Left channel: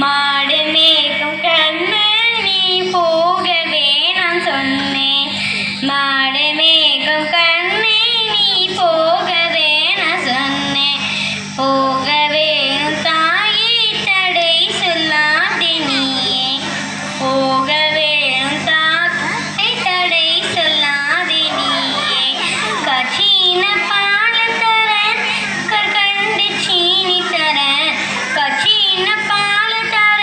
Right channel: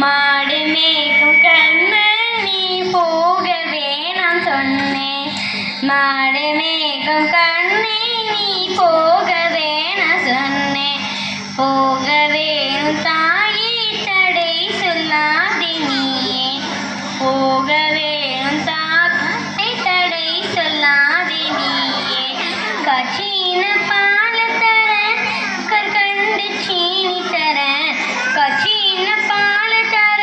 மாடு மேய்க்கும் கண்மணி போகவே நான் சொன்னேன். மாடு மேய்க்கும் கண்ணே நீ போகவே நான் சொன்னேன். போக வேணும் தாயே தடை சொல்லாதே நீயே. போக வேணும் தாயை தடை சொல்லாதே நீயே. கச்சின பால் தர கற்கண்டு சீனி தர. கச்சின பால் தர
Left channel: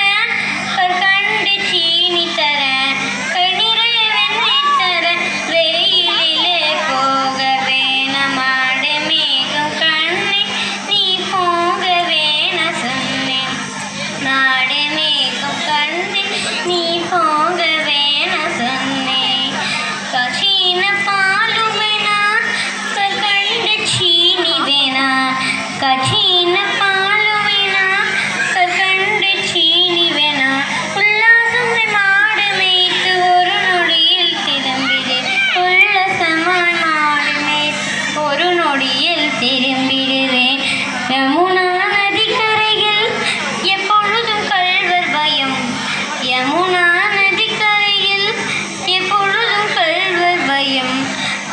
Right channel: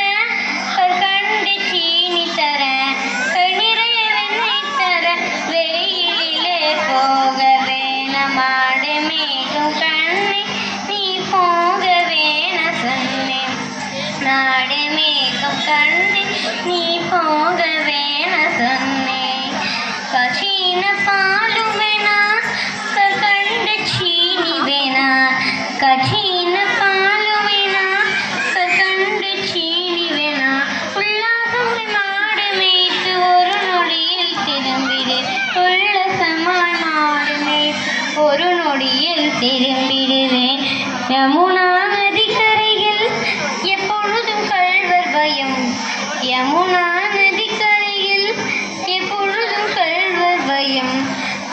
கற்கண்டு சீனி தர. கணிறைய வெண்ணெய் தர வெயிலிலே போக வேணாம். மாடு மேய்க்கும் கண்ணே நீ போகவே நான் சொன்னேன். நாடு மேய்க்கும் கண்ணே நீ போகவே நான் சொன்னேன். கச்சின பாலும் வேணா கற்கண்டு சீனி வேணா. கச்சின பாலும் வேணா கற்கண்டு சீனி வேணா. உல்லாசமாய் மாடு மேய்த்து ஒரு நொடியில் திரும்பிடு. உல்லாசமாய் மாடு மேய்த்து ஒரு நொடியில் திரும்பிடுவேன். யமுனா நதிக்கரையில் எப்பொழுதும் கள்வர் பயம். யமுனா நதிக்கரையில் எப்பொழுதும் கள்வர் பயம்.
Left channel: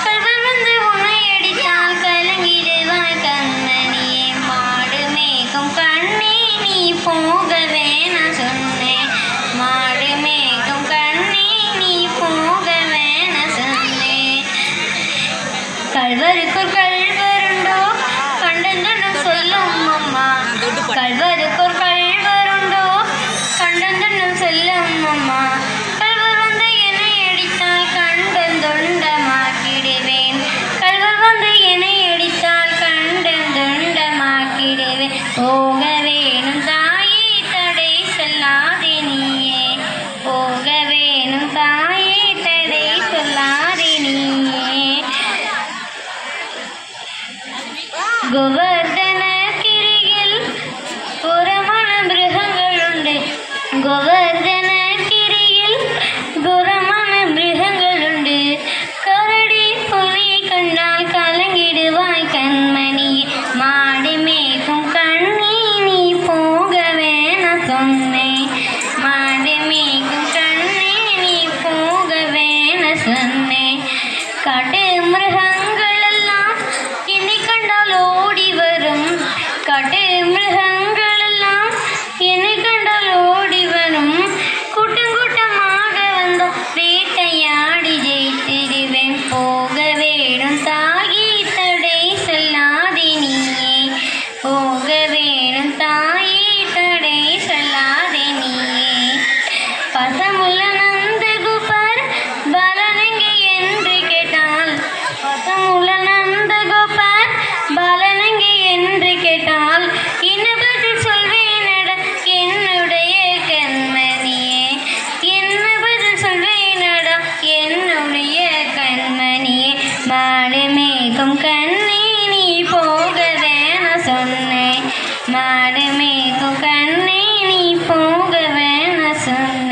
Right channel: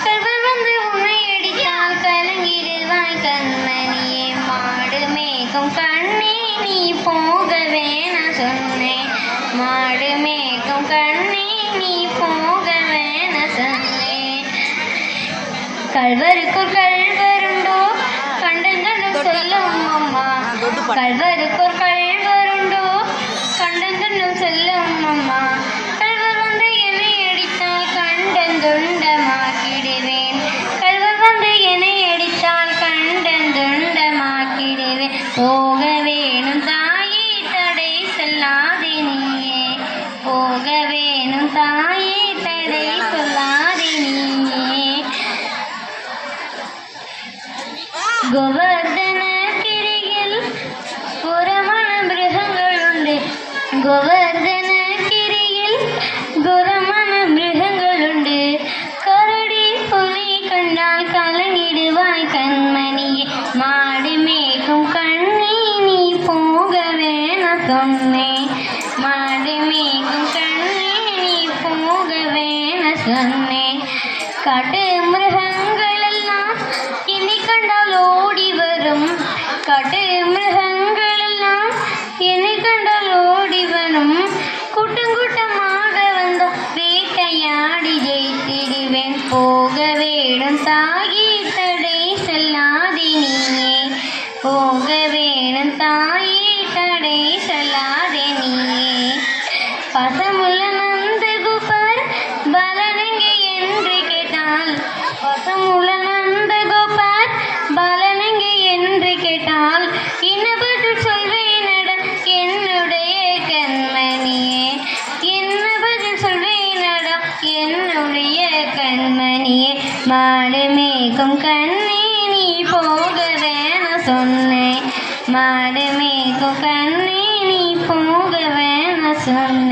கள்வர் வந்து உன்னை அடித்தால் கலங்கிடுவாய் கண்மணியே. மாடு மேய்க்கும் கண்ணே நீ போகவே நான் சொன்னேன். மாடு மேய்க்கும் கண்ணே நீ போகவே நான் சொன்னேன். கள்வருக்குள் கள்வருண்டோ கண்டந்தனம் சொல்லும் அம்மா. கள்வருக்குள் கள்வருண்டோ கண்டந்தனம் சொல்லும் அம்மா. கள்வர் வந்து என்னை அடித்தால் கண்டந்துண்டமாக்கிடுவேன். கள்வர் வந்து என்னை அடித்தால் கண்டந்துண்டமாக்கிடுவேன். போக வேணும் தாயே தடை சொல்லாதே நீயே. போக வேணும் தாயே தடை சொல்லாதே நீயே. கோவர்தன கிரியில் புறமான மிருகங்களுண்டு. கோவர்தன கிரியில் புறமான மிருகங்களுண்டு. கரடி புலி கண்டால் கலங்கிடுவாய் கண்மணியே. மாடு மேய்க்கும் கண்ணே நீ போகவே நான் சொன்னேன். மாடு மேய்க்கும் கண்ணே நீ போகவே நான் சொன்னேன். காட்டு மிருகங்கள் எல்லாம் என்னை கண்டால் ஓடி வரும். காட்டு மிருகங்கள் எல்லாம் என்னை கண்டால் ஓடி வரும். கூட்டம் கூட்டமாக வந்த வேட்டையாடி ஜெயித்திடுவேன். போக வேணும் தாயே தடை சொல்லாதே நீயே. போக வேணும் தாயே தடை சொல்லாதே நீயே. பசமுள்ள நந்தகோபர் பலனெங்கே என்று கேட்டால். பசமுள்ள நந்தகோபர் பலனெங்கே என்று கேட்டால் என்ன பதில் சொல்வேனடா என்னுடைய கண்மணியே. என்ன பதில் சொல்வேனடா என்னுடைய கண்மணியே. மாடு மேய்க்கும் கண்ணே நீ போகவே நான் சொன்னேன். மாடு மேய்க்கும் கண்ணே நீ போகவே நான் சொன்னேன்.